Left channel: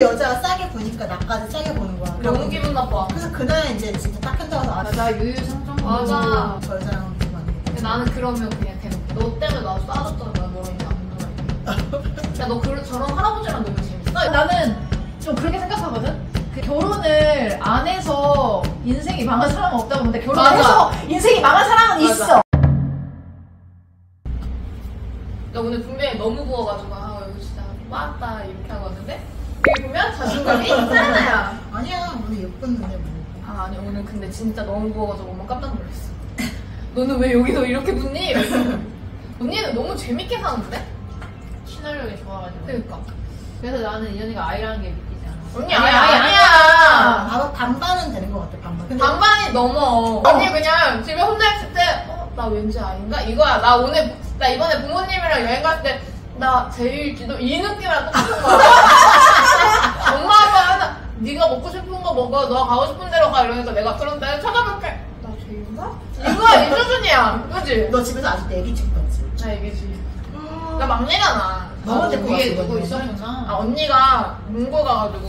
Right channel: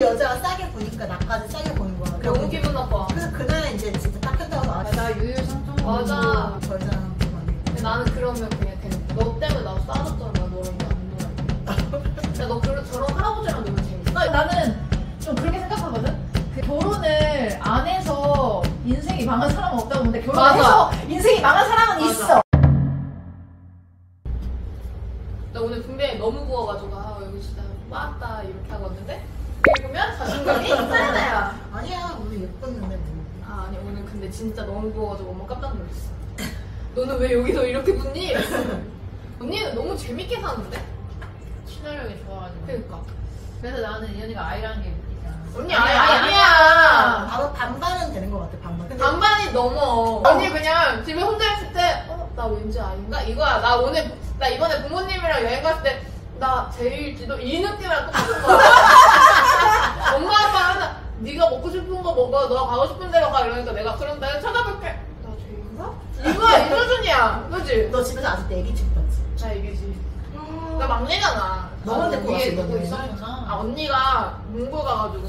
여자가 싸게 보니까 나까지 싸게 보는 거야. 너무 기분 나빠. 그래서 그날 이제 진짜 딱 현장을 나왔어. 나 유유상종. 맞아. 여자랑 근데 나는 그러면 그냥 대놓고 너 때문에 나 싸졌잖아. 너랑 안 놀아. 너 저런 할아버지랑 놀면 재밌어. 나는 좀 그렇게 생각하거든? 결혼을 안 해서 인생이 망한 사람은 없다고 보는데 결혼을 해서 인생이 망한 사람은 맞아. 있어. 나 오늘 분명히 너무 부어가지고 이거 진짜 빠았다 이렇게 하고 왔는데 여기 보면 자존감이 있잖아요. 아니야 오늘 예뻤는데 뭐. 아니 오늘 근데 진짜 너무 부어가지고 엄마 깜짝 놀랐어. 너는 왜 여기서 이렇게 붙니? 언니는 너무 재밌게 사는데? 친화력이 좋아가지고. 그러니까 그래서 나는 이현이가 아이라는 게 믿기지 않아. 언니 아니야. 아마 반반은 되는 것 같아 반반. 근데 반반이 넘어. 언니 그냥 집에 혼자 있을 때 나 왠지 아닌가? 이거야. 나 이번에 부모님이랑 여행 갔을 때 나 제일지도 이 느낌이랑 똑같은 거야. 엄마 아빠는 네가 먹고 싶은 거 먹어. 너가 가고 싶은 데로 가. 이러니까 내가 그런데 찾아볼게. 나 제일인가? 이거야 이 수준이야. 그치? 너 집에서 아직도 애기 찍고 봤지? 나 얘기지. 나 막내잖아. 너무 데리고 위에 갔어, 누구 이번에는. 있었구나. 언니가 몽골 가가지고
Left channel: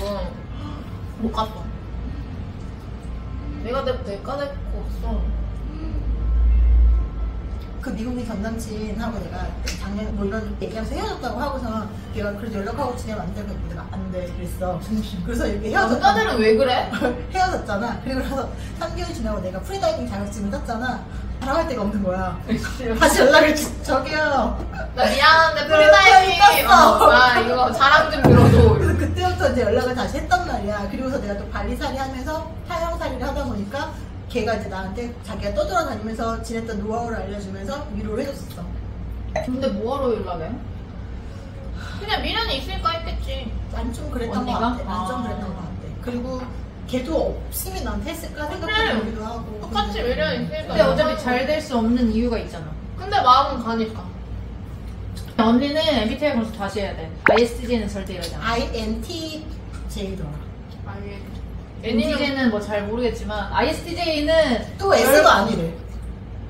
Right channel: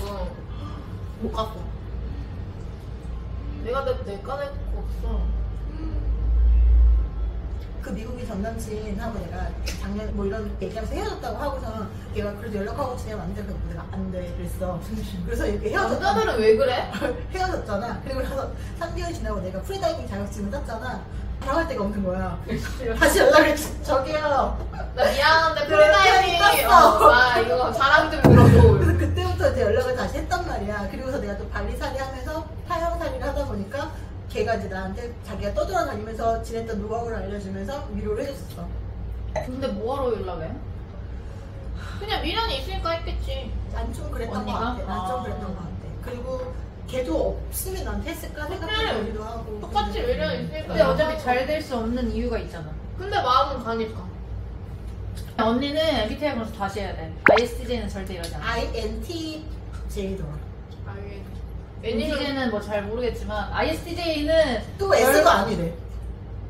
못 갔어. 내가 데리고 없어. 그 미국인 전 남친하고 내가 작년에 뭐 이런 얘기하면서 헤어졌다고 하고서 걔가 그래도 연락하고 지내면 안 돼. 그래서 내가 안 돼 그랬어. 그래서 이렇게 헤어졌잖아. 남자들은 왜 그래? 헤어졌잖아. 그리고 나서 3개월 지나고 내가 프리다이빙 자격증을 땄잖아. 자랑할 데가 없는 거야. 다시 연락을 저기요. 나 미안한데 프리다이빙 프리다이빙 땄어. 나 이거 자랑 좀 들어줘. 그래서 그때부터 이제 연락을 다시 했단 말이야. 그리고서 내가 또 발리살이 하면서 타영살이를 하다 보니까 걔가 이제 나한테 자기가 떠돌아다니면서 지냈던 노하우를 알려주면서 위로를 해줬었어. 근데 뭐하러 연락해? 그냥 미련이 있으니까 했겠지. 난 좀 그랬던 것 언니가? 같아. 난 좀 그랬던 것 같아. 그리고 걔도 없으면 나한테 했을까 생각해보기도 하고. 똑같이 미련이 있으니까. 근데 어차피 잘 될 수 없는 이유가 있잖아. 근데 마음은 가니까. 언니는 MBTI 검사 다시 해야 돼. ISTJ는 절대 이러지 않아. INTJ더라. NTJ는 뭐 잘 모르겠지만 ISTJ는 또 S도 아니래.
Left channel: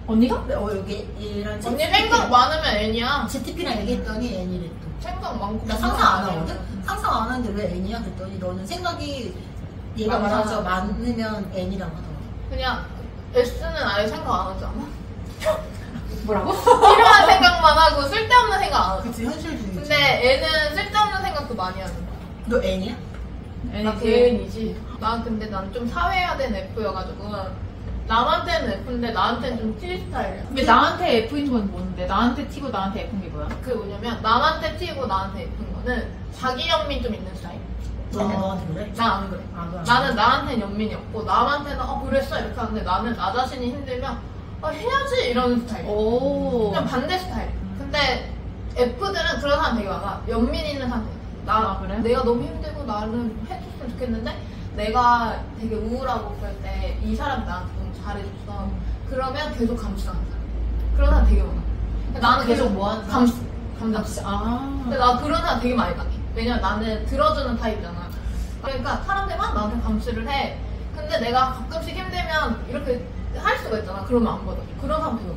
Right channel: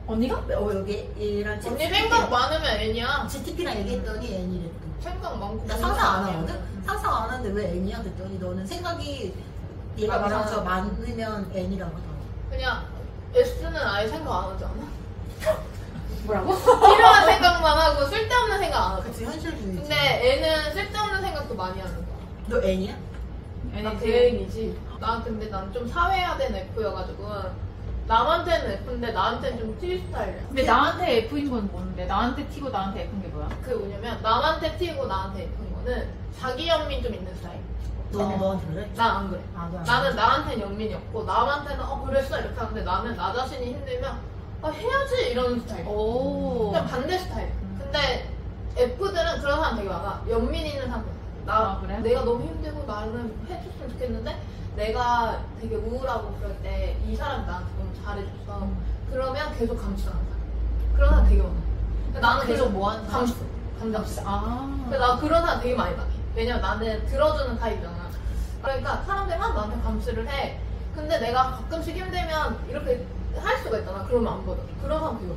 언니가? 여기 얘랑 언니 생각 많으면 N이야. GTP랑 얘기했더니 N이래 또. 생각 많고. 나 상상 안 하거든? 상상 안 하는데 왜 N이야? 그랬더니 너는 생각이 얘가 많아서 많으면 N이라고 하더라고. 그냥 S는 아예 생각 안 하지 않아? 뭐라고? 필요한 생각만 하고 쓸데없는 생각 안 하고. 그치, 현실주의. 근데 N은 쓸데없는 생각도 많이 하는 거야. 너 N이야? 나 N이지. 난 근데 난 좀 사회화된 F여가지고 남한테는 F인데 나한테는 좀 T 스타일이야. 근데 나한테 F인 건 뭔데? 나한테 T고 나한테 F인 게 뭐야? 그 뭐냐면 남한테 T고 나한테 F인 거는 자기 연민 좀 있는 스타일. 너한테 그래? 난 안 그래. 아, 그래. 나는 나한테는 연민이 없고 남한테는 그랬어 이렇게 하는데 나는 나 자신이 힘들면 해야지 이러는 스타일. 오. 그냥 반대 스타일. 근데 F들은 그런 사람 되게 많아. 연민 있는 사람 되게 많아. 아, 그래? 내가 너무 힘들고 나는 해줬으면 좋겠는데 내가 되게 우울하고 그럴 때 이 사람이 나한테 너무 잘해줬어. 그러면 계속 감수하는 사람. 그런 사람 되게 많아. 근데 나는 계속 뭐 하는 사람? 감수. 아. 근데 나 그런 사람 되게 많이 당해. 왜냐면 나는 들어주는 타입이잖아. 그러니까 사람들만 나한테 감수를 해. 근데 내가 가끔씩 힘들면 이렇게 할 수가 있잖아. 그러면 안 받아. 그런 사람 되게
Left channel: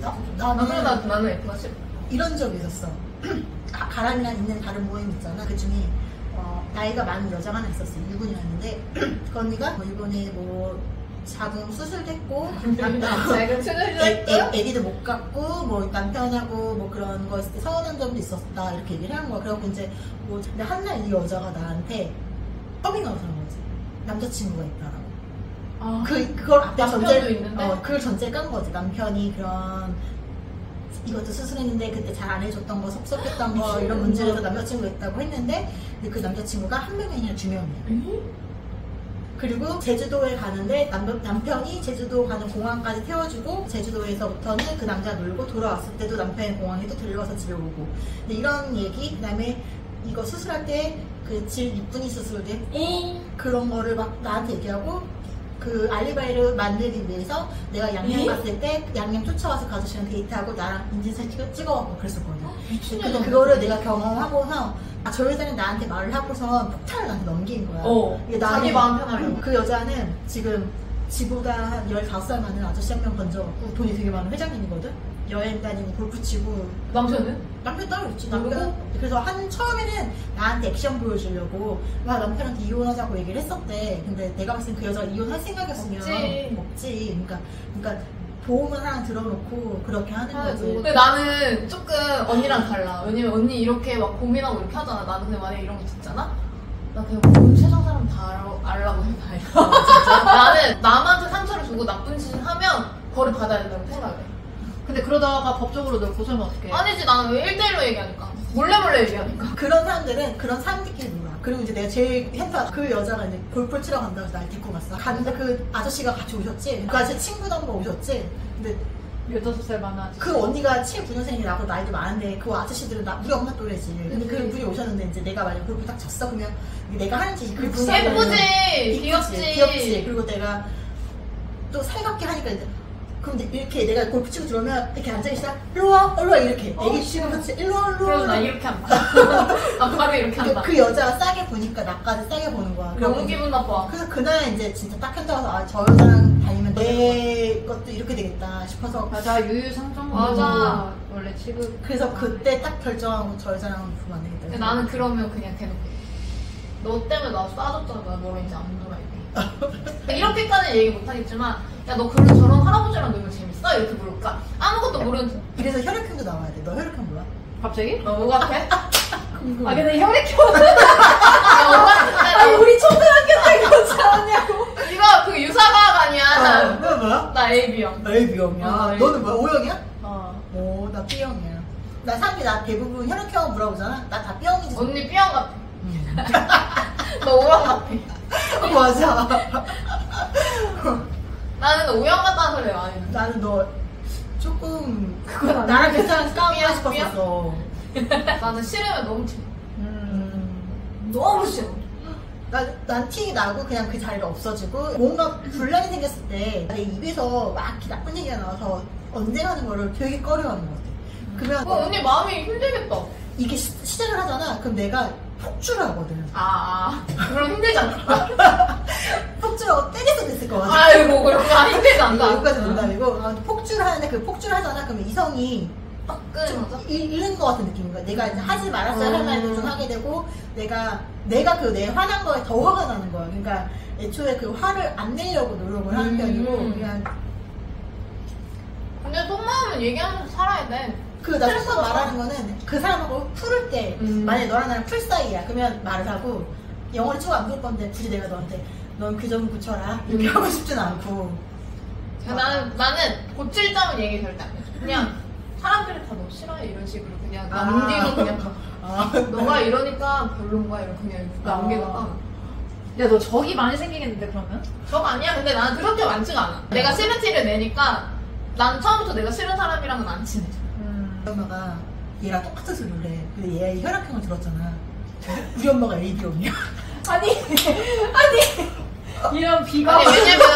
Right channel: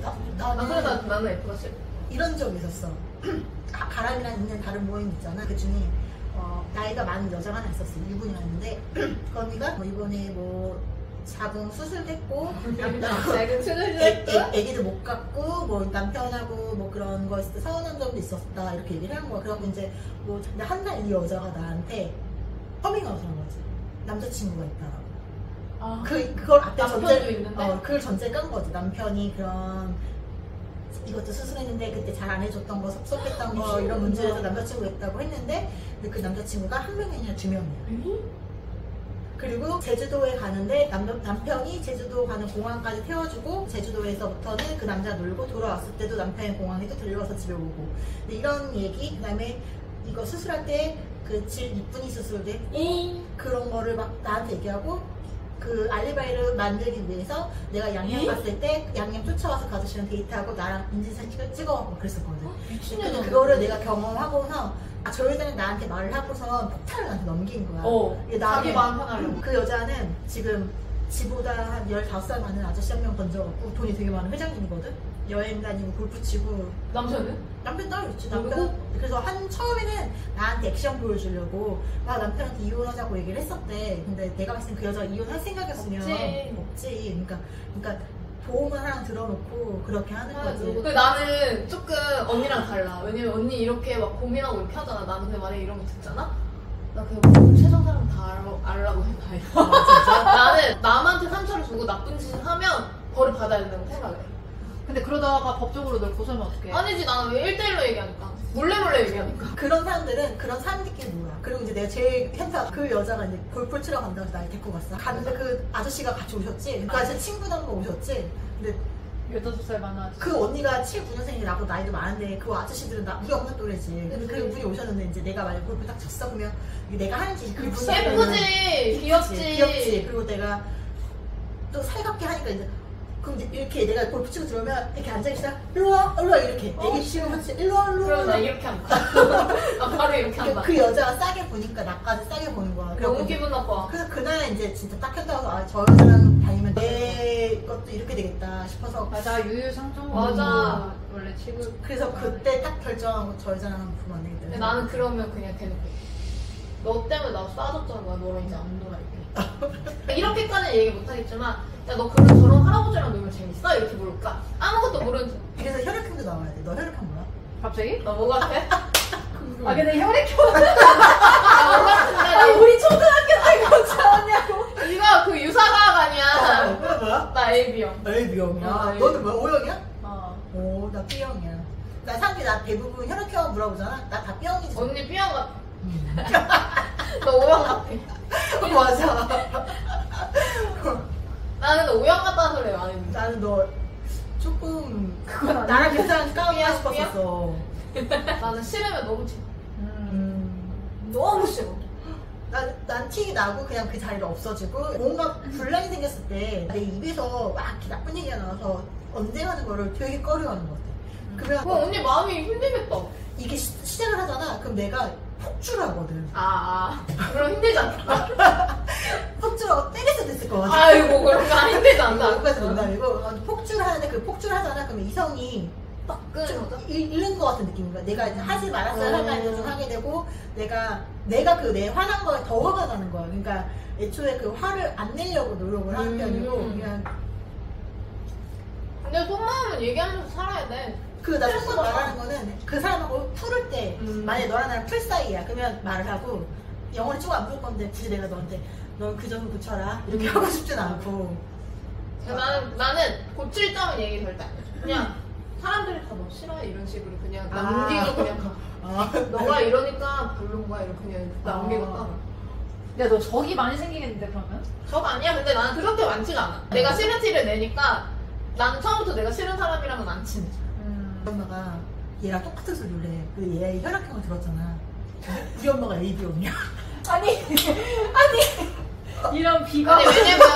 많아. 그래서 나는 F가 싫어. 이런 적이 있었어. 가람이랑 있는 다른 모임 있잖아. 그 중에 나이가 많은 여자가 하나 있었어. 일본이었는데 그 언니가 이번에 뭐 자궁 수술됐고 자궁 수술됐고 애기도 못 갖고 뭐 남편하고 뭐 그런 거 있을 때 서운한 점도 있었다 이렇게 얘기를 하는 거야. 그래갖고 이제 뭐 근데 한 날 이 여자가 나한테 커밍아웃을 한 거지. 남자친구가 있다라고. 그걸 앞에 남편도 있는데? 그걸 전제를 깐 거지. 남편이 그런 이것도 수술했는데 그때 잘 안 해줬던 거 섭섭했던 거 이런 문제에서 남자친구가 있다고 했는데 근데 그 남자친구가 한 명이 아니라 두 명이야. 그리고 제주도에 가는데 남편이 제주도 가는 공항까지 태워주고 제주도에서부터는 그 남자 놀고 돌아왔을 때도 남편이 공항에 또 들려가서 집에 오고. 근데 이런 얘기 그다음에 이거 수술할 때 그 질 이쁜이 수술대 그런 거를 막 나한테 얘기하고 그 알리바이를 만들기 위해서 내가 양양 갔을 때 양양 쫓아와서 그 아저씨랑 데이트하고 나랑 인증사진 찍어갖고 그랬었거든. 근데 그거를 내가 경험하고서 저 여자는 나한테 말을 하고서 폭탄을 나한테 넘긴 거야. 자기 마음 편하려고. 그 여자는 지금 지보다 한 15살 많은 아저씨 한 명 건져갖고 돈이 되게 많은 회장님이거든? 여행 다니고 골프 치고. 남편은? 남편 따로 있지. 남편. 그래서 처음에는 나한테 액션 보여주려고 막 남편한테 이혼하자고 얘기를 했었대. 근데 내가 봤을 때 그 여자가 이혼할 생각이었으면 먹지. 그러니까 도움을 하나 들어놓고 그렇게 하는 거지. 근데 나는 조금 언니랑 달라. 왜냐면 언니 이렇게 막 고민하고 이렇게 하잖아. 나는 근데 만약에 이런 거 듣잖아? 나 그냥 온 세상 사람 다 알라고 생각해. 진짜? 나는 남한테 상처를 주고 나쁜 짓을 하면 벌을 받아야 된다고 생각해. 근데 그러다가 법적으로 널 고소하면 어떡해? 아니지, 나는 왜 1대1로 얘기하니까. 몰래 얘기하니까. 그런 사람들은 그런 사람들끼리 놀아. 그리고 이제 내가 제일 행사 그 여자가 이제 골프를 치러 간다고 해서 날 데리고 갔어. 갔는데 그 아저씨가 같이 오셨지. 그 아저씨 친구도 한번 오셨지. 근데 15살 많은 아저씨. 그 언니가 79년생이 나보다 나이도 많은데 그 아저씨들은 우리 엄마 또래지. 근데 그 분이 오셨는데 이제 내가 만약 골프 딱 쳤어 그러면 내가 하는 짓이 그 분이 예쁘지, 귀엽지. 그리고 내가 또 살갑게 하니까 이제 그럼 이렇게 내가 골프 치고 들어오면 이렇게 앉아있어. 일로와 이렇게 애기 치고 같이 일로와 그럼 나 이렇게 한다. 나 바로 이렇게 한다. 그 여자가 싸게 보니까 나까지 싸게 보는 거야. 너무 기분 나빠. 그래서 그날 이제 진짜 딱 현장에서 저 여자랑 다니면 내 것도 이렇게 되겠다 싶어서. 맞아, 유유상종. 맞아. 원래 취급. 그래서 그때 딱 결정하고 저 여자랑 보면 안 되겠다. 근데 나는 그러면 그냥 대놓고 너 때문에 나 쏴줬잖아. 나 너랑 이제 안 놀아줄게. 이렇게까지는 얘기 못하겠지만 야 너 그런 저런 할아버지랑 놀면 재밌어? 이렇게 물을까? 아무것도 모르는. 그래서 혈액형도 나와야 돼. 너 혈액형 뭐야? 갑자기? 뭐 같아? 아 근데 혈액형은 뭐 같은데? 우리 초등학교 때 그렇지 않냐고. 이거 그 유사과학 아니야. 뭐야? 나 A형. 나 A형이야. 아, 너는 뭐야? O형이야? 어. 오, 나 B형이야. 나 사람들이 나 대부분 혈액형 물어보잖아. 나 다 B형이지. 언니 B형 같아. 너 O형 같아. 맞아. 나는 너 O형 같다는 소리 많이 듣는데. 나는 너 조금 나랑 비슷한 싸움하고 싶었어. 나는 싫으면 너무 싫어. 너무 싫어. 난 티 나고 그냥 그 자리가 없어지고 뭔가 분란이 생겼을 때 내 입에서 막 이렇게 나쁜 얘기가 나와서 언쟁하는 거를 되게 꺼려하는 것 같아. 그러면 언니 마음이 힘들겠다. 이게 시작을 하잖아. 그럼 내가 폭주를 하거든. 그럼 힘들지 않다. 폭주를 때려서 됐을 것 같아. 아이고 그런 거 힘들지 않다. 여기까지 농담이고 폭주를 하는데 그 폭주를 하잖아. 그러면 이성이 끈. 잃는 것 같은 느낌인 거야. 내가 하지 말았어야 할 말도 좀 하게 되고 내가 그 내 화난 거에 더 화가 나는 거야. 그러니까 애초에 그 화를 안 내려고 노력을 하는 편이고 그냥. 근데 속마음은 얘기하면서 살아야 돼. 나 속으로 말하는 거는 그 사람하고 풀을 때 만약에 너랑 나랑 풀 사이야. 그러면 말을 하고 영어를 쭉 안 볼 건데 굳이 내가 너한테 넌 그 점 고쳐라 이렇게 하고 싶진 않고. 나는 고칠 점은 얘기 절대 안 해. 그냥 사람들이 다 너 싫어해 이런 식으로 그냥 남기고 그냥 너가 이러니까 별론 거야 이렇게 그냥 남기다가. 야, 너 적이 많이 생기겠는데 그러면? 적 아니야. 근데 나는 그렇게 많지가 않아. 내가 싫은 티를 내니까 난 처음부터 내가 싫은 사람이랑은 안 친해. 우리 엄마가 얘랑 똑같은 소리를 해. 근데 얘 혈액형을 들었잖아. 우리 엄마가 AB형이야. 아니 이런 비가. 아니 왜냐면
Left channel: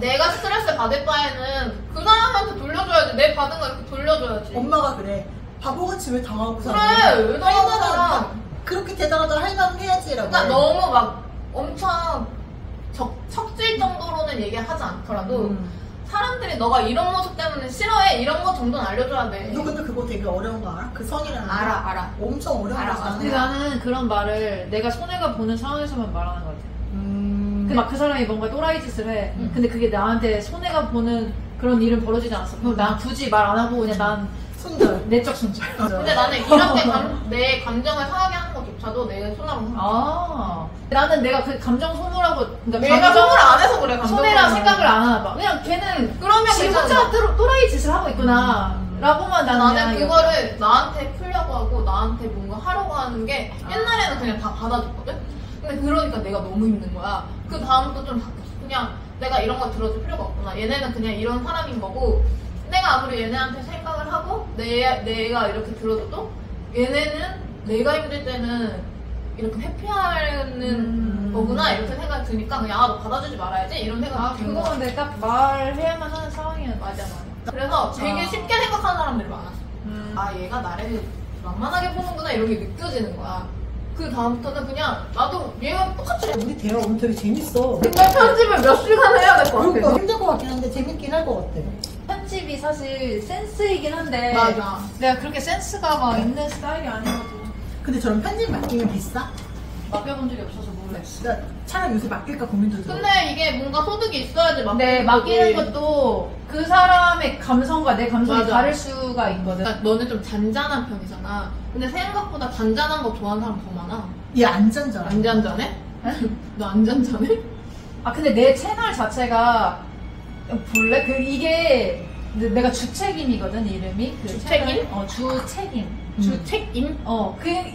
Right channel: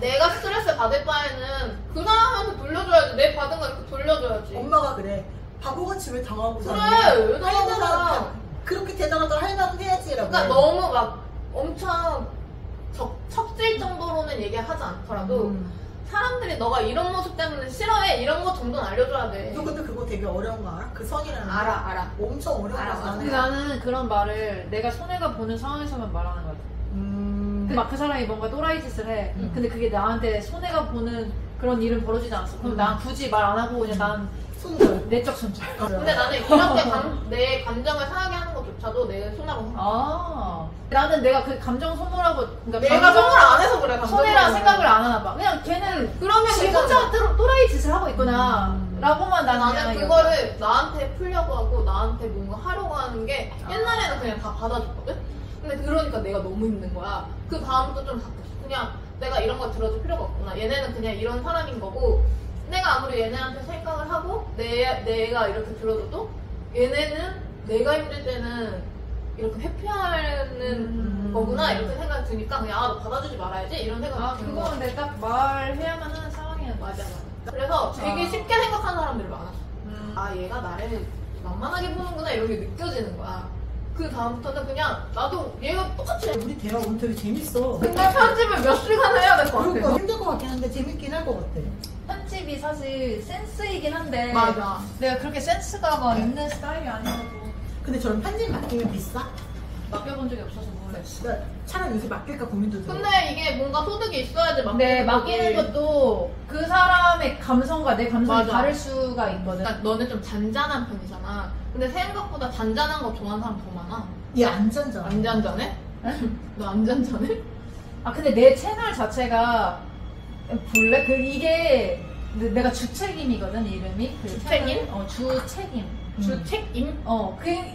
내가 스트레스 받을 바에는 그 사람한테 돌려줘야지. 내 받은 거 이렇게 돌려줘야지. 엄마가 그래. 바보같이 왜 당하고 그래, 사는 왜 당하고 살아? 그렇게 되다가도 할 말은 해야지라고. 그러니까 너무 막 엄청 척질 정도로는 얘기하지 않더라도 사람들이 너가 이런 모습 때문에 싫어해 이런 거 정도는 알려줘야 돼. 너 근데 그거 되게 어려운 거 알아? 그 선이라는 거. 알아. 엄청 어려운 알아. 거잖아. 근데 나는 그런 말을 내가 손해가 보는 상황에서만 말하는 것 같아. 막 그 사람이 뭔가 또라이 짓을 해. 근데 그게 나한테 손해가 보는 그런 일은 벌어지지 않았어. 그럼 난 굳이 말 안 하고 그냥 난 손절. 내적 손절. 근데 나는 이렇게 내 감정을 상하게 하는 것조차도 내 손하고 상해. 나는 내가 그 감정 소모라고 내가 손을 안 해서 그래. 손해라 생각을 안 하나 봐. 그냥 걔는 그러면 지 혼자 또라이 짓을 하고 있구나 라고만 나는 그거를 나한테 풀려고 하고 나한테 뭔가 하려고 하는 게 옛날에는 그냥 다 받아줬거든? 근데 그러니까 내가 너무 힘든 거야. 그 다음부터 좀 바뀌었어. 그냥 내가 이런 거 들어줄 필요가 없구나. 얘네는 그냥 이런 사람인 거고 내가 아무리 얘네한테 생각을 하고 내가 이렇게 들어줘도 얘네는 내가 힘들 때는 이렇게 회피하는 거구나 이렇게 생각이 드니까 그냥 너 받아주지 말아야지 이런 생각이 든 거야. 그거는 내가 딱 말해야만 하는 상황이야. 맞아. 그래서 되게 쉽게 생각하는 사람들이 많았어. 얘가 나를 만만하게 보는구나 이런 게 느껴지는 거야. 그 다음부터는 그냥 나도 얘가 똑같이 해. 우리 대화 오늘 되게 재밌어. 근데 편집을 몇 시간 해야 될 것 같아. 그러니까 힘들 것 같긴 한데 재밌긴 할 것 같아. 편집 편집이 사실 센스이긴 한데 맞아. 내가 그렇게 센스가 막 있는 스타일이 아니어가지고 근데 저런 편집 맡기면 비싸? 맡겨본 적이 없어서 모르겠어. 그러니까 차라리 요새 맡길까 고민도 들어. 근데 이게 뭔가 소득이 있어야지 근데 맡기는 것도 그 사람의 감성과 내 감성이 맞아. 다를 수가 있거든. 그러니까 너는 좀 잔잔한 편이잖아. 근데 생각보다 잔잔한 거 좋아하는 사람 더 많아. 얘 안 잔잖아. 안 잔잔해? 너 안 잔잔해? 아 근데 내 채널 자체가 볼래? 이게 내가 주책임이거든 이름이. 그 주책임? 채널? 주책임. 주책임?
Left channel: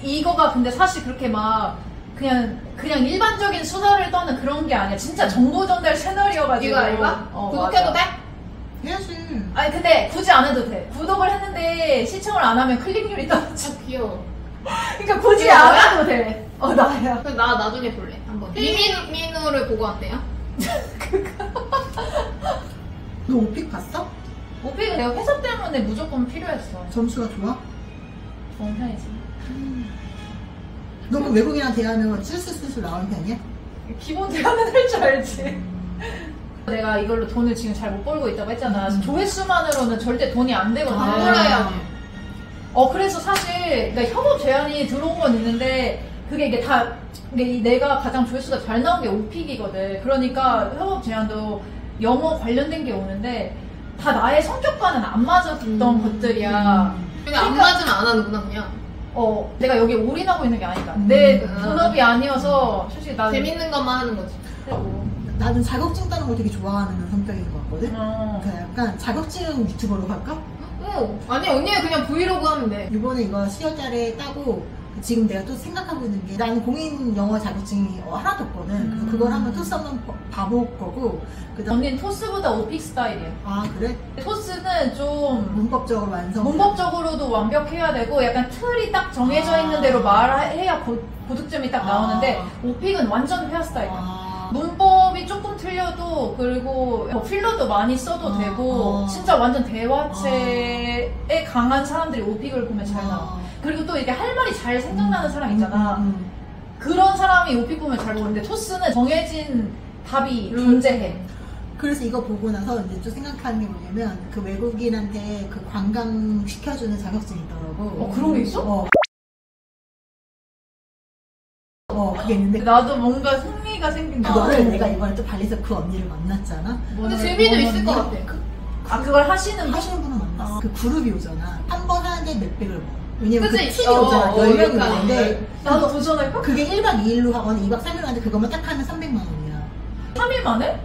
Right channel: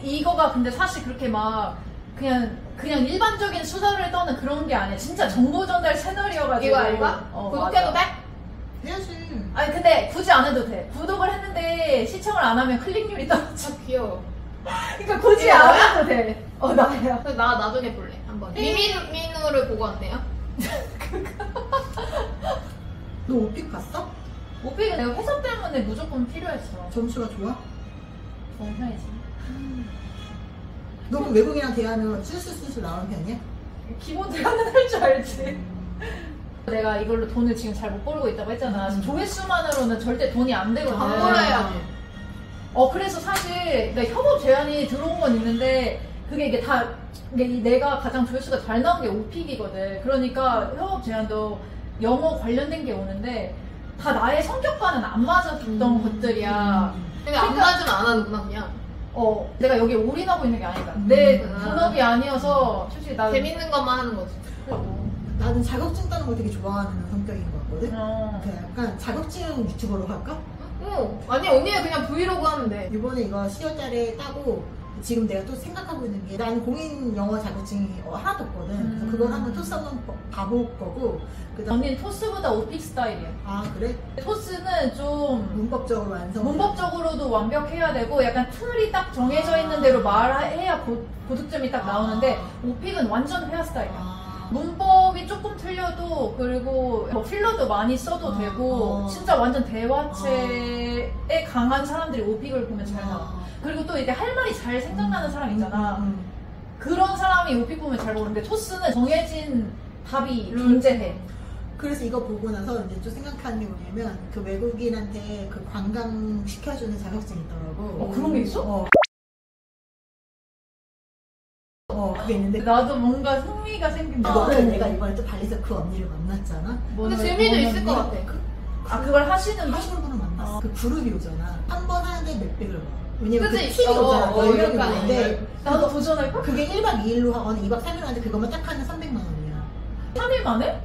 이거가 근데 사실 그렇게 막 그냥 일반적인 수다를 떠는 그런 게 아니야. 진짜 정보 전달 채널이어가지고. 이거 알바? 구독해도 돼? 해야지. 아니 근데 굳이 안 해도 돼. 구독을 했는데 시청을 안 하면 클릭률이 떨어져. 귀여워. 그러니까 굳이 이거 안 뭐야? 해도 돼. 나야. 그래서 나 나중에 볼래. 한번. 미민우를 보고 왔대요? 너 오픽 봤어? 오픽은 내가 회사 때문에 무조건 필요했어. 점수가 좋아? 좋은 편이지. 너 그 외국인이랑 대화하면 슬슬슬슬 나오는 편이야? 기본 대화는 할 줄 알지. 내가 이걸로 돈을 지금 잘 못 벌고 있다고 했잖아. 조회수만으로는 절대 돈이 안 되거든. 광고해야지. 그래서 사실 그러니까 협업 제안이 들어온 건 있는데 그게 이게 다 내가 가장 조회수가 잘 나온 게 오픽이거든. 그러니까 협업 제안도 영어 관련된 게 오는데 다 나의 성격과는 안 맞았던 것들이야. 그냥 안 맞으면 안 하는구나 그냥. 내가 여기 올인하고 있는 게 아니다. 내 음. 본업이 아니어서 솔직히 나 재밌는 것만 하는 거지. 나는 자격증 따는 걸 되게 좋아하는 성격인 것 같거든? 그냥 약간 자격증 유튜버로 할까? 아니 언니가 그냥 브이로그 하면 돼. 이번에 이거 10월달에 따고 지금 내가 또 생각하고 있는 게 나는 공인 영어 자격증이 하나도 없거든. 그래서 그걸 한번 토스 한번 봐볼 거고 그다음 언니는 토스보다 오픽 스타일이야. 아 그래? 토스는 좀 문법적으로 완성. 문법적으로도 완벽해야 되고 약간 틀이 딱 정해져 있는 대로 말해야 고득점이 딱 나오는데 오픽은 완전 헤어스타일이야. 문법이 조금 틀려도 그리고 필러도 많이 써도 되고 진짜 완전 대화체에 강한 사람들이 오픽을 보면 잘 나와. 그리고 또 이렇게 할 말이 잘 생각나는 사람 있잖아. 그런 사람이 오픽 보면 잘 보는데 토스는 정해진 답이 존재해. 그래서 이거 보고 나서 이제 또 생각하는 게 뭐냐면 그 외국인한테 그 관광 시켜주는 자격증이 있더라고. 그런 게 있어? 그게 있는데 나도 뭔가 흥미가 생긴 거. 그거를 내가 이번에 또 발리에서 그 언니를 만났잖아. 근데 재미도 있을 것 같아. 그걸 하시는 분을 만났어. 그 그룹이 오잖아. 한 번 하는데 몇백을 먹어. 왜냐면 그 그치? 팀이 오잖아. 10명이 이렇게 오는데 하는데. 나도 도전할까? 그게 1박 2일로 하거나 2박 3일 하는데 그거만 딱 하면 300만 원이야. 3일 만에?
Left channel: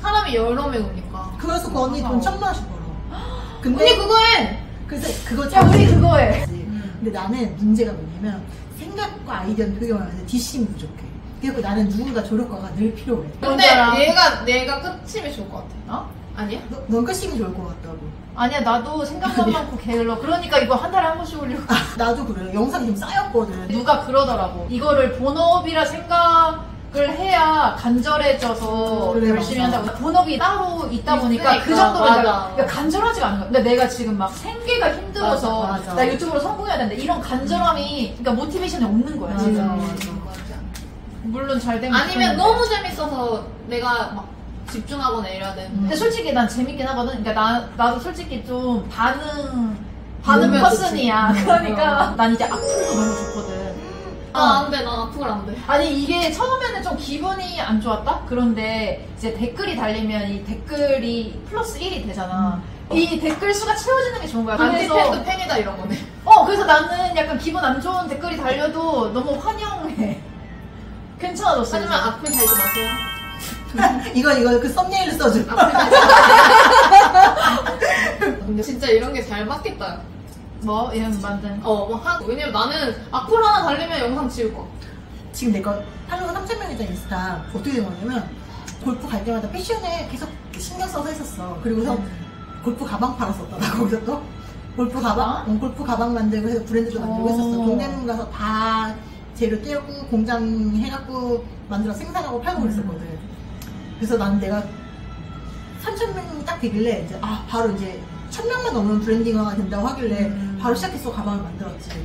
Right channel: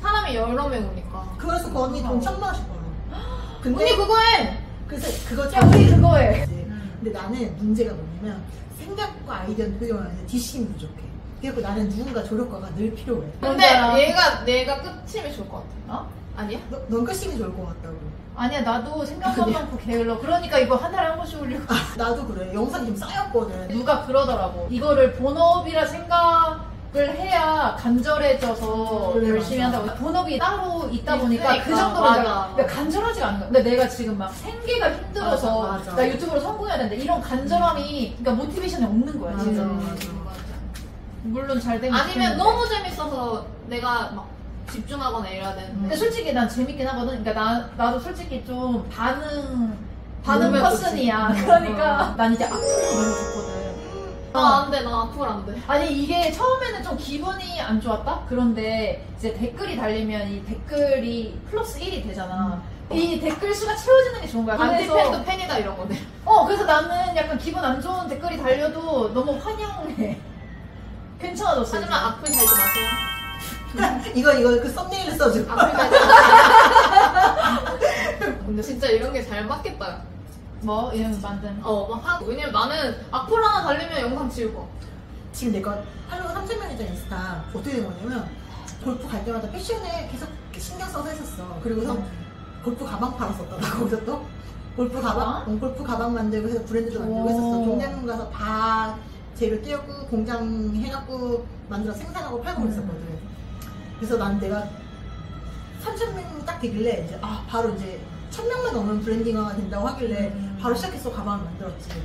사람이 여러 명 오니까. 그래서 그 언니 돈 1,000만 원씩 벌어. 근데 언니 그거 해! 그래서 그거 언니 그거 해. 근데 나는 문제가 뭐냐면 생각과 아이디어는 표현하는데 뒷심이 부족해. 그리고 나는 누군가 조력가가 늘 필요해. 근데 내가 끝임이 좋을 것 같아. 아니야? 넌 끝심이 좋을 것 같다고. 아니야 나도 생각도 많고 게을러. 그러니까 이거 한 달에 한 번씩 올리고. 나도 그래. 영상이 좀 쌓였거든. 누가 그러더라고. 이거를 본업이라 생각을 해야 간절해져서 그래, 열심히 맞아. 한다고. 본업이 따로 있다 보니까 그러니까, 그 정도로 맞아. 내가 간절하지가 않은 거야. 근데 내가 지금 막 생계가 힘들어서 맞아. 나 유튜브로 성공해야 되는데 이런 간절함이 그러니까 모티베이션이 없는 거야. 맞아, 지금. 맞아. 물론 잘 되면 아니면 좋겠는데. 너무 재밌어서 내가 막 집중하거나 이래야 되는데. 근데 솔직히 난 재밌긴 하거든. 그러니까 나도 솔직히 좀 반응 그러면 퍼슨이야. 좋지. 그러니까 난 이제 악플이 많이 좋거든. 안 돼, 나 악플 안 돼. 아니 이게 처음에는 좀 기분이 안 좋았다? 그런데 이제 댓글이 달리면 이 댓글이 플러스 1이 되잖아. 이 댓글 수가 채워지는 게 좋은 거야. 안티팬도 팬이다 이런 거네. 그래서 나는 약간 기분 안 좋은 댓글이 달려도 너무 환영해. 괜찮아졌어. 하지만 악플 달지 마세요. 이거 그 썸네일을 써줘. 악플 달지 마세요. 근데 진짜 이런 게 잘 맞겠다. 뭐 이런 완전. 왜냐면 나는 악플 하나 달리면 영상 지울 거. 지금 내가 팔로워 3,000명이잖아 인스타. 어떻게 된 거냐면 골프 갈 때마다 패션에 계속 신경 써서 했었어. 그리고서 골프 가방 팔았었다. 거기서 또 골프 가방? 골프 가방 만들고 해서 브랜드도 만들고 했었어. 동대문 가서 다 재료 떼고 공장 해갖고 만들어 생산하고 팔고 그랬었거든. 그래서 난 내가 3,000명 딱 되길래 이제 바로 이제 1,000명만 넘으면 브랜딩화가 된다고 하길래 바로 시작했어. 가방을 만들었지.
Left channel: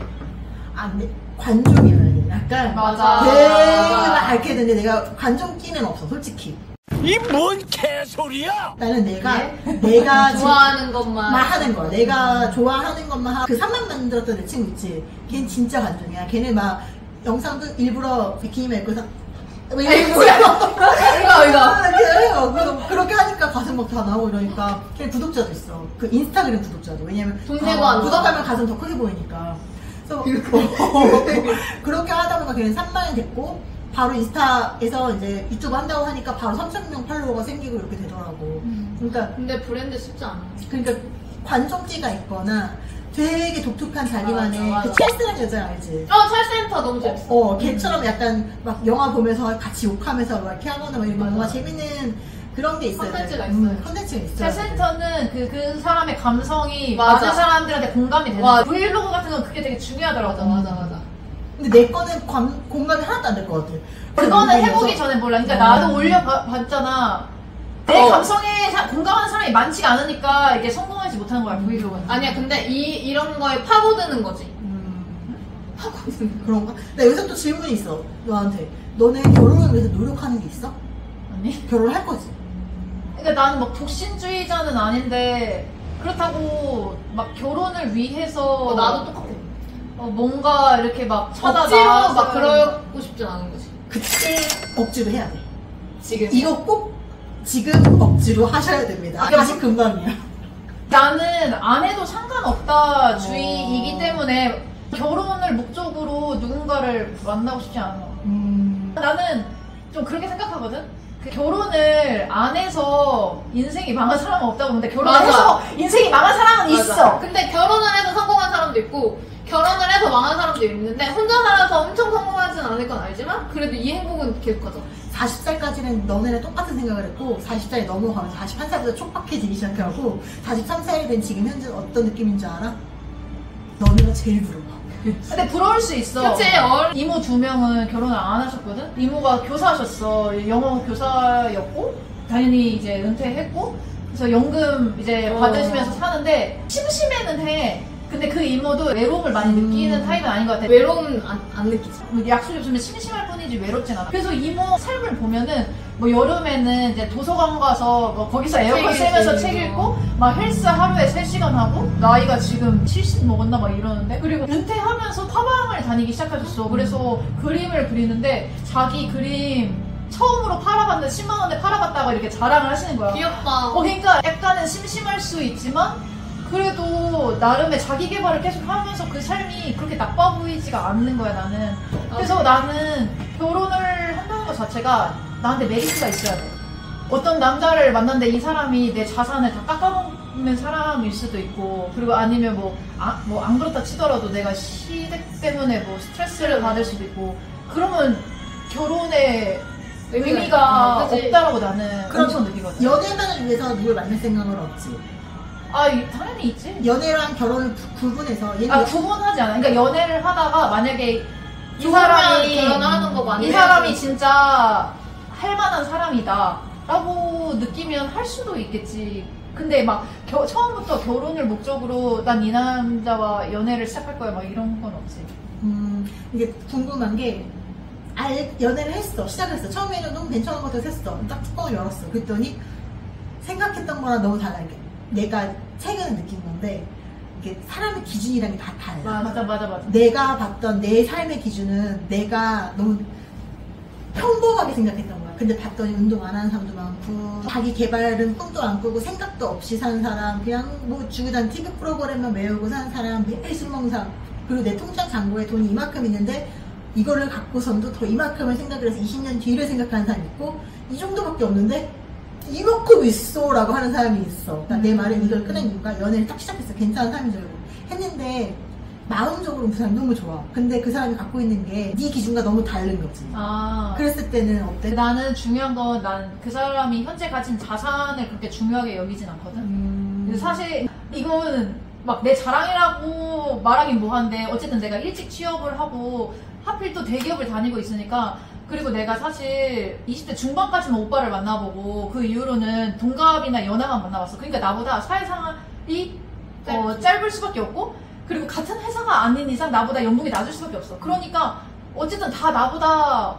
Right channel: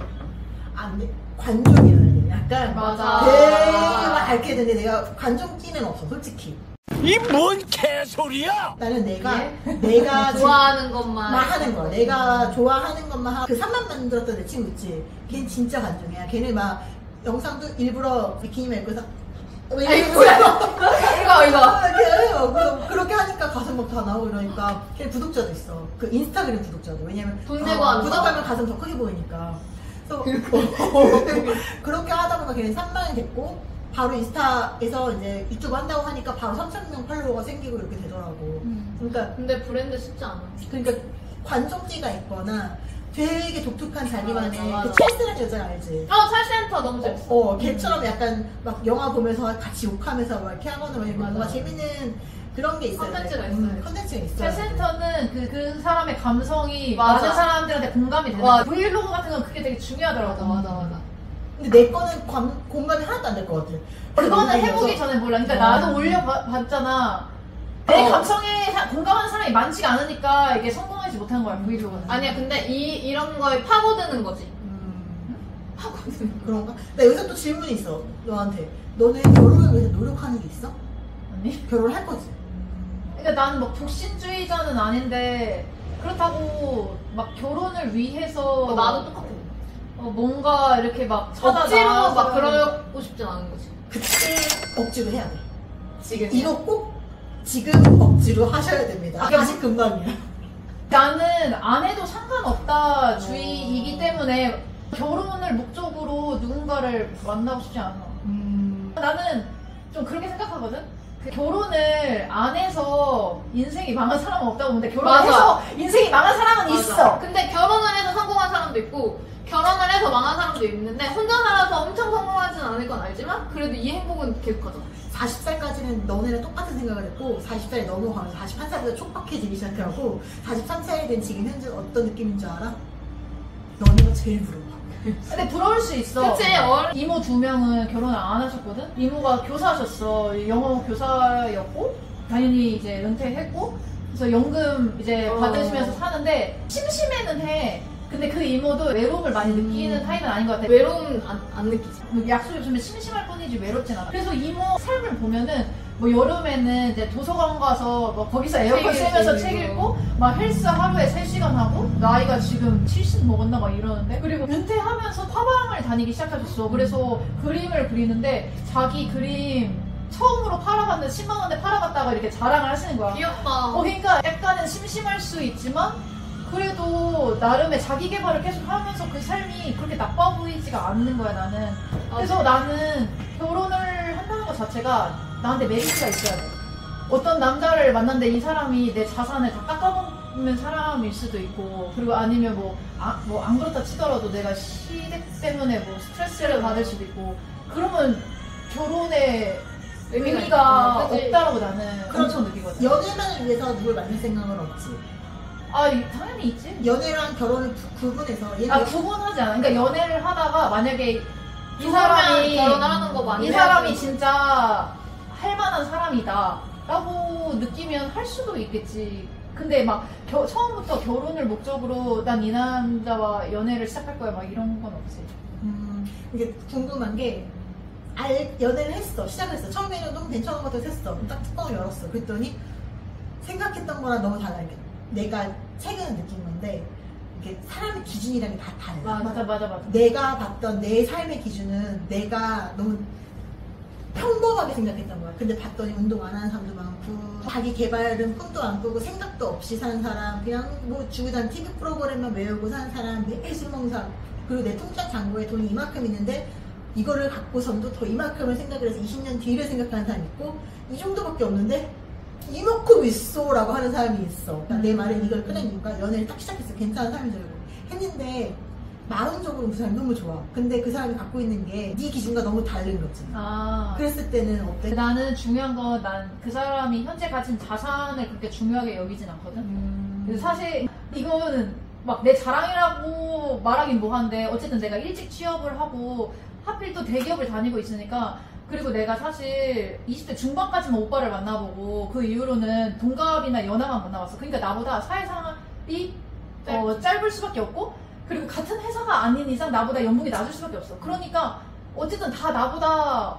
근데 관종이야. 약간 맞아. 되게 막 앓게 되는데 내가 관종 끼는 없어 솔직히. 이 뭔 개소리야? 나는 내가 좋아하는 것만 하는 거. 내가 좋아하는 것만 하고. 그 3만 만들었던 내 친구 있지. 걔는 진짜 관종이야. 걔는 막 영상도 일부러 비키니만 입고 이거 그렇게 하니까 가슴 막 다 나오고 이러니까 걔 구독자도 있어. 그 인스타그램 구독자도. 왜냐면 돈 내고 하는 구독하면 가슴 더 크게 보이니까. 그래서 그렇게 하다 보니까 걔는 3만이 됐고 바로 인스타에서 이제 유튜브 한다고 하니까 바로 3,000명 팔로워가 생기고 이렇게 되더라고. 그러니까 근데 브랜드 쉽지 않아. 그러니까 관종기가 있거나 되게 독특한 자기만의 맞아. 그 찰스란 여자 알지? 찰센터 너무 재밌어. 걔처럼 약간 막 영화 보면서 같이 욕하면서 막 이렇게 하거나 막 이런 뭔가 맞아. 재밌는 그런 게 있어야 돼. 컨텐츠가 있어요. 컨텐츠가 있어요. 찰센터는 그 사람의 감성이 맞아. 많은 사람들한테 공감이 되는 맞아. 브이로그 같은 건 그게 되게 중요하더라고. 맞아. 근데 내 거는 공감이 하나도 안 될 것 같아. 그거는 해보기 전에 몰라. 그러니까 나도 올려봤잖아. 내 감성에 공감하는 사람이 많지가 않으니까 이게 성공하지 못한 거야, 브이로그는. 아니야, 근데 이런 거에 파고드는 거지. 파고드는 그런가? 나 여기서 또 질문이 있어. 너한테. 너는 결혼을 위해서 노력하는 게 있어? 아니? 결혼을 할 거지? 그러니까 나는 막 독신주의자는 아닌데 그렇다고 막 결혼을 위해서 나도 똑같아. 뭔가 이렇게 막 찾아 억지로 나와서 막 그러고 싶진 않은 거지. 그때 억지로 해야 돼. 지금 이거 꼭 지금 억지로 하셔야 됩니다. 다시 금방이야. 나는 안 해도 상관없다 주의이기 때문에 결혼을 목적으로 누군가를 만나고 싶지 않아. 나는 좀 그렇게 생각하거든. 그 결혼을 안 해서 인생이 망한 사람은 없다고 보는데 결혼해서 인생이 망한 사람은 있어. 근데 결혼을 해서 성공한 사람도 있고 결혼을 해서 망한 사람도 있는데 혼자 살아서 엄청 성공하진 않을 건 알지만 그래도 이 행복은 계속하죠. 40살까지는 너네랑 똑같은 생각을 했고 40살이 넘어가면 41살부터 촉박해지기 시작하고 43살이 된 지금 현재 어떤 느낌인 줄 알아? 너네가 제일 부러워. 근데 부러울 수 있어. 그치, 이모 2명은 결혼을 안 하셨거든? 이모가 교사하셨어. 영어 교사였고, 당연히 이제 은퇴했고, 그래서 연금 이제 받으시면서 사는데, 심심해는 해. 근데 그 이모도 외로움을 많이 느끼는 타입은 아닌 것 같아. 외로움 안 느끼지. 약속이 없으면 심심할 뿐이지 외롭진 않아. 그래서 이모 삶을 보면은 뭐 여름에는 이제 도서관 가서 뭐 거기서 에어컨 쐬면서 책 읽고 막 헬스 하루에 3시간 하고 나이가 지금 70 먹었나 막 이러는데 그리고 은퇴하면서 파마를 다니기 시작하셨어. 그래서 그림을 그리는데 자기 그림 처음으로 팔아봤는데 10만 원에 팔아봤다가 이렇게 자랑을 하시는 거야. 귀엽다. 그러니까 약간은 심심할 수 있지만 그래도 나름의 자기 개발을 계속 하면서 그 삶이 그렇게 나빠 보이지가 않는 거야 나는. 그래서 나는 결혼을 한다는 것 자체가 나한테 메리트가 있어야 돼. 어떤 남자를 만났는데 이 사람이 내 자산을 다 깎아먹는 사람일 수도 있고 그리고 아니면 뭐 안 그렇다 치더라도 내가 시댁 때문에 뭐 스트레스를 받을 수도 있고 그러면 결혼의 의미가 없다라고 나는 엄청 느끼거든. 연애만을 위해서 누굴 만날 생각은 없지. 당연히 있지. 연애랑 결혼을 구분해서 구분하지 않아. 그러니까 연애를 하다가 만약에 이 사람이 결혼하는 거 많이 이 사람이 진짜 할 만한 사람이다 라고 느끼면 할 수도 있겠지. 근데 막 처음부터 결혼을 목적으로 난 이 남자와 연애를 시작할 거야 막 이런 건 없지. 이게 궁금한 게 연애를 했어. 시작했어. 처음에는 너무 괜찮은 것 같아서 했어. 딱 뚜껑을 열었어. 그랬더니 생각했던 거랑 너무 달라. 내가 최근에 느낀 건데 이게 사람의 기준이라는 게 다 달라. 맞아. 내가 봤던 내 삶의 기준은 내가 너무 평범하게 생각했던 거야. 근데 봤더니 운동 안 하는 사람도 많고 자기 개발은 꿈도 안 꾸고 생각도 없이 사는 사람 그냥 뭐 주구단 TV 프로그램만 외우고 사는 사람 매일 술 먹는 사람 그리고 내 통장 잔고에 돈이 이만큼 있는데 이거를 갖고선도 더 이만큼을 생각을 해서 20년 뒤를 생각하는 사람이 있고 이 정도밖에 없는데 이만큼 있어 라고 하는 사람이 있어. 그러니까 내 말은 이걸 꺼낸 이유가 연애를 딱 시작했어. 괜찮은 사람인 줄 알고 했는데 마음적으로 그 사람이 너무 좋아. 근데 그 사람이 갖고 있는 게 네 기준과 너무 다른 거지. 그랬을 때는 어때? 나는 중요한 건 난 그 사람이 현재 가진 자산을 그렇게 중요하게 여기진 않거든. 그래서 사실 이건 막 내 자랑이라고 말하긴 뭐한데 어쨌든 내가 일찍 취업을 하고 하필 또 대기업을 다니고 있으니까 그리고 내가 사실 20대 중반까지만 오빠를 만나보고 그 이후로는 동갑이나 연하만 만나봤어. 그러니까 나보다 사회생활이 짧을 수밖에 없고 그리고 같은 회사가 아닌 이상 나보다 연봉이 낮을 수밖에 없어. 그러니까 어쨌든 다 나보다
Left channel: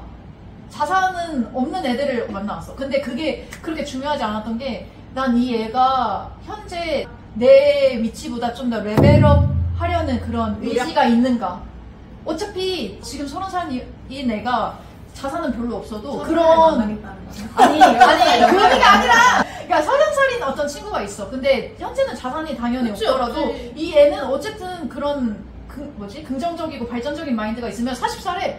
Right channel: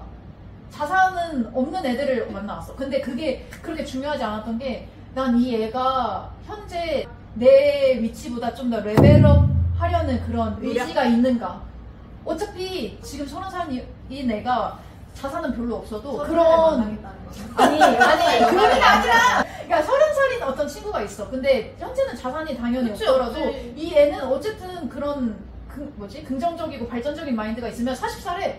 자산은 없는 애들을 만나왔어. 근데 그게 그렇게 중요하지 않았던 게 난 이 애가 현재 내 위치보다 좀 더 레벨업 하려는 그런 의지가 있는가. 어차피 지금 30살인 애가 자산은 별로 없어도 그런 아니 그런 게 아니라 그러니까 30살인 어떤 친구가 있어. 근데 현재는 자산이 당연히 그치, 없더라도 없지. 이 애는 어쨌든 그런 긍정적이고 발전적인 마인드가 있으면 40살에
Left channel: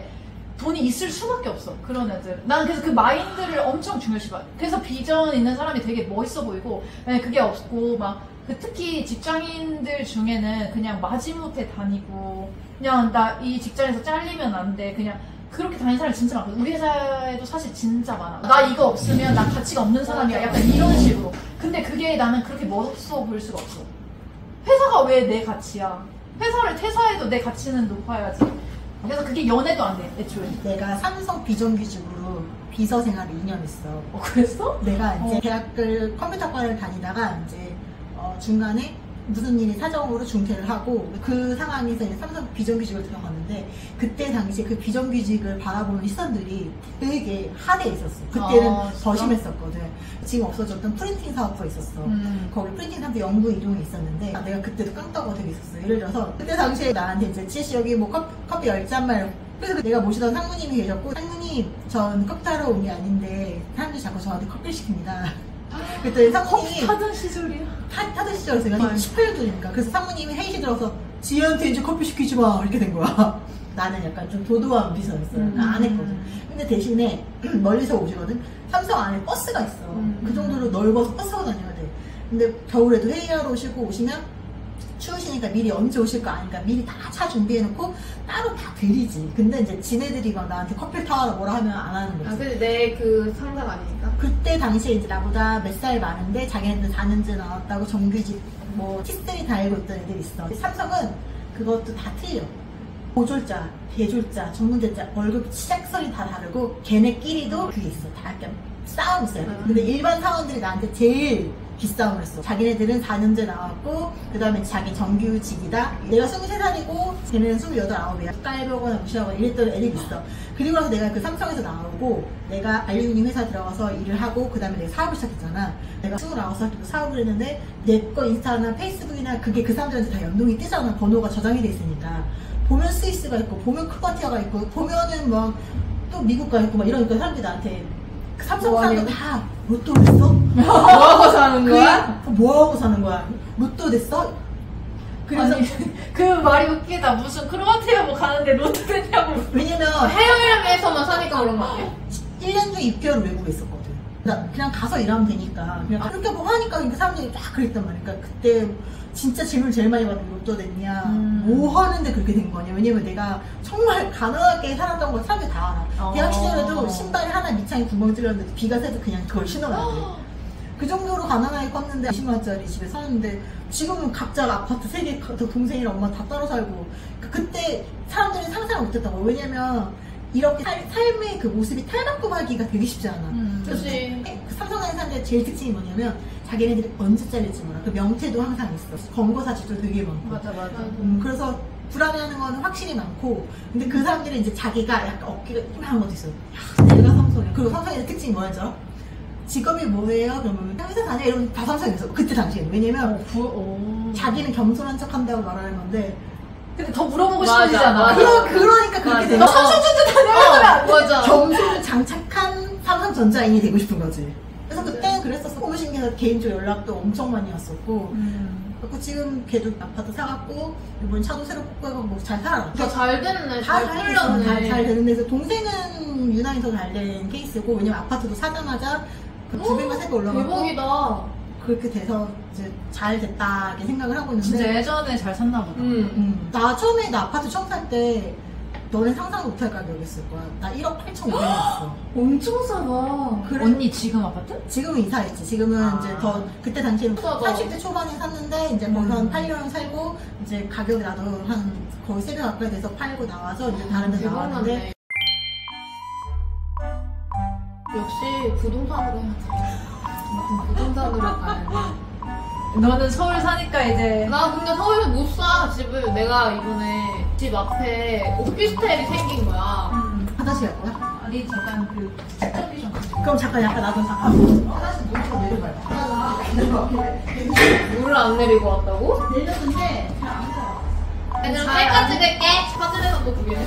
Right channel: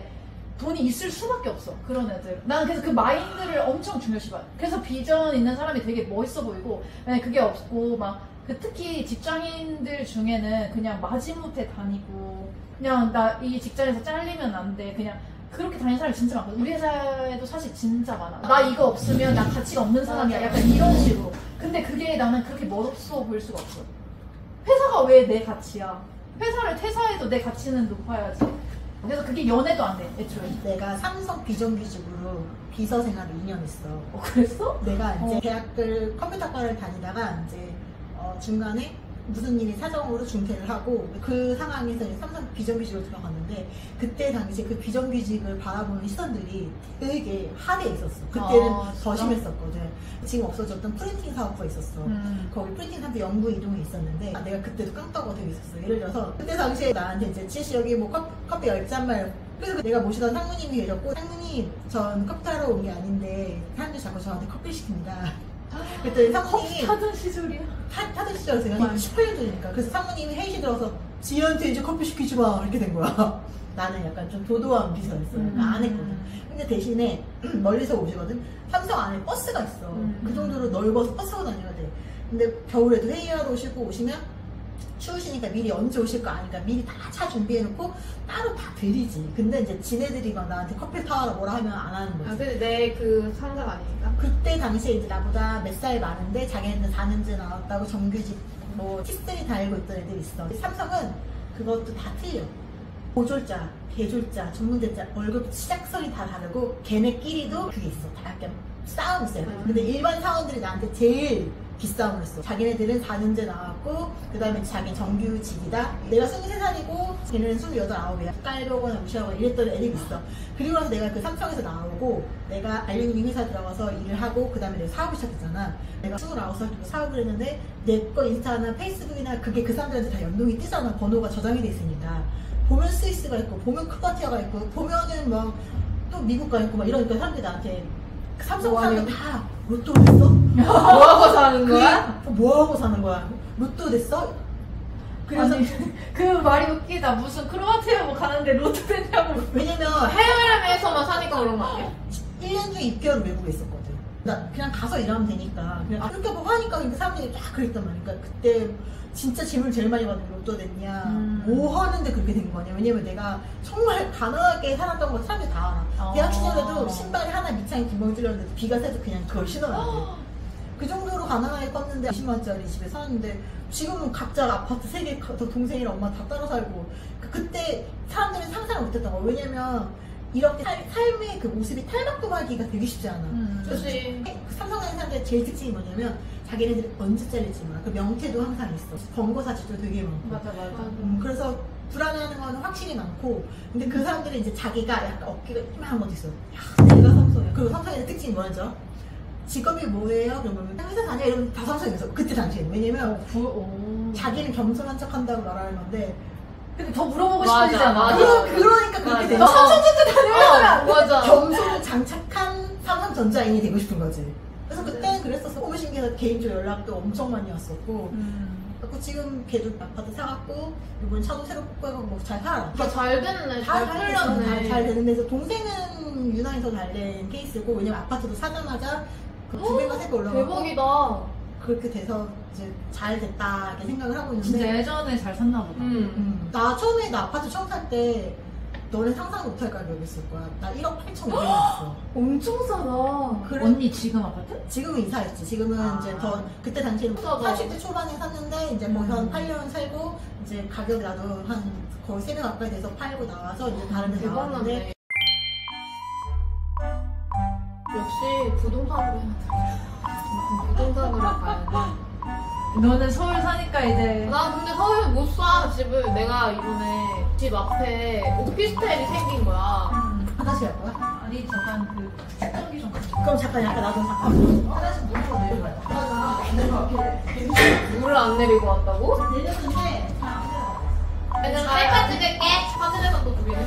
돈이 있을 수밖에 없어. 그런 애들. 난 그래서 그 마인드를 엄청 중요시 봐. 그래서 비전 있는 사람이 되게 멋있어 보이고, 만약 그게 없고, 특히 직장인들 중에는 그냥 마지못해 다니고, 그냥 나 이 직장에서 잘리면 안 돼. 그냥 그렇게 다니는 사람이 진짜 많거든. 우리 회사에도 사실 진짜 많아. 나 이거 없으면 난 가치가 없는 사람이야. 약간 이런 식으로. 근데 그게 나는 그렇게 멋없어 보일 수가 없어. 회사가 왜 내 가치야? 회사를 퇴사해도 내 가치는 높아야지. 그래서 그게 연애도 안 돼, 애초에. 내가 삼성 비정규직으로 비서 생활을 2년 했어. 그랬어? 내가 이제 대학을 컴퓨터과를 다니다가 이제 중간에 무슨 일이 사정으로 중퇴를 하고 그 상황에서 이제 삼성 비정규직을 들어갔는데 그때 당시에 그 비정규직을 바라보는 시선들이 되게 하대에 있었어. 그때는 더 심했었거든. 지금 없어졌던 프린팅 사업부가 있었어. 거기 프린팅 사업부 연구 이동에 있었는데 내가 그때도 깡따구가 되게 있었어. 예를 들어서 그때 당시에 나한테 이제 지씨 여기 뭐 커피 10잔만 그래서 내가 모시던 상무님이 계셨고 상무님 전 커피 하러 온 게 아닌데 사람들이 자꾸 저한테 커피를 시킵니다. 그랬더니 상무님이 하던 시절이야. 타던 시절에서 제가 18년 전이니까 그래서 상무님이 회의실 들어서 지희한테 이제 커피 시키지 마 이렇게 된 거야. 나는 약간 좀 도도한 비서였어. 그러니까 안 했거든. 근데 대신에 멀리서 오시거든. 삼성 안에 버스가 있어. 그 정도로 넓어서 버스 타고 다녀야 돼. 근데 겨울에도 회의하러 오시고 오시면 추우시니까 미리 언제 오실 거 아니까 미리 다 차 준비해놓고 따로 다 드리지. 근데 이제 지네들이 막 나한테 커피를 타와라 뭐라 하면 안 하는 거지. 아, 근데 내 그 상사가 아니니까. 그때 당시에 이제 나보다 몇 살 많은데 자기네들 4년째 나왔다고 정규직 뭐 티스들이 다 알고 있던 애들이 있어. 삼성은 그것도 다 틀려. 고졸자, 대졸자, 전문대자 월급 시작선이 다 다르고 걔네끼리도 그게 있어. 다 약간 싸움이 있어요. 근데 일반 사원들이 나한테 제일 기싸움을 했어. 자기네들은 4년제 나왔고 그 다음에 자기 정규직이다. 내가 23살이고 걔네는 28, 9이야. 깔보거나 무시하거나 이랬던 애들이 있어. 그리고 나서 내가 그 삼성에서 나오고 내가 알루미늄 회사 들어가서 일을 하고 그 다음에 내가 사업을 시작했잖아. 내가 29살 때 사업을 했는데 내 거 인스타나 페이스북이나 그게 그 사람들한테 다 연동이 뜨잖아. 번호가 저장이 돼 있으니까. 보면 스위스가 있고 보면 크로아티아가 있고 보면은 막 또 미국 가 있고 막 이러니까 사람들이 나한테 삼성 사람들 다 로또 됐어? 뭐하고 사는 거야? 뭐하고 사는 거야? 로또 됐어? 그래서 아니, 그 말이 웃기다. 무슨 크로아티아 뭐 가는데 로또 됐냐고. 왜냐면 해외에서만 사니까 그런 거 아니야? 1년 중 2개월 외국에 있었거든. 나 그냥 가서 일하면 되니까 그냥 그렇게 뭐 하니까 그 사람들이 딱 그랬단 말이야. 그러니까 그때 진짜 질문 제일 많이 받는 게 로또 됐냐 뭐 하는데 그렇게 된 거냐. 왜냐면 내가 정말 가난하게 살았던 걸 사람들이 다 알아. 대학 시절에도 신발이 하나 밑창에 구멍 뚫렸는데 비가 새도 그냥 그걸 신어야 돼. 그 정도로 가난하게 컸는데 20만원짜리 집에 사는데 지금은 각자 아파트 3개 동생이랑 엄마 다 따로 살고. 그때 사람들이 상상을 못했던 거야. 왜냐면 이렇게 삶의 그 모습이 탈바꿈하기가 되게 쉽지 않아. 그치. 그 삼성하는 사람들의 제일 특징이 뭐냐면 자기네들이 언제 잘릴지 몰라. 그 명태도 항상 있어. 권고사직도 되게 많고. 맞아. 그래서 불안해하는 건 확실히 많고. 근데 그 사람들은 이제 자기가 약간 어깨가 이만한 것도 있어. 야, 내가 삼성이야. 그리고 삼성의 특징이 뭐였지? 직업이 뭐예요? 그러면 회사 다녀? 이러면 다 삼성이었어. 그때 당시에. 왜냐면 자기는 겸손한 척 한다고 말하는 건데 근데 더 물어보고 맞아, 싶으잖아. 맞아. 그러니까 그렇게 되는 거야. 맞아. 겸손을 장착한 삼성전자인이 되고 싶은 거지. 그래서 그때는 그랬었어. 너무 신기해서 개인적으로 연락도 엄청 많이 왔었고. 그래서 지금 걔도 아파트 사갖고 이번 차도 새로 뽑고 해갖고 뭐 잘 살아. 잘 됐네. 잘 잘 풀렸네. 풀렸네. 잘 되는데 그래서 동생은 유난히 더 잘 된 케이스고 왜냐면 아파트도 사자마자 그 두 배가 세배 올라가고 대박이다. 그렇게 돼서 이제 잘 됐다 이렇게 생각을 하고 있는데 진짜 예전에 잘 샀나 보다. 나 처음에 나 아파트 처음 살 때 너는 상상 못할 가격이었을 거야. 나 1억 8,500원이었어. 엄청 싸다. 그래? 언니 지금 아파트? 지금은 이사했지. 지금은 이제 더 그때 당시에는 싸다. 80대 초반에 샀는데 이제 거기서 한 8년 살고 이제 가격이 나도 한 거의 3배 가까이 돼서 팔고 나와서 이제 다른 데 나왔는데 대박났네. 역시 부동산으로 해야지. 부동산으로 가야 돼. 너는 서울 사니까 이제 나 근데 서울에서 못 사, 집을. 내가 이번에 집 앞에 오피스텔이 생긴 거야. 화장실 갈 거야? 아니 잠깐 그 측정기 좀 그럼 잠깐 약간 나도 잠깐 화장실 물으로 내려가요. 물을 안 내리고 왔다고? 내렸는데 그럼 셀카 찍을게. 화질에서 또 보기네.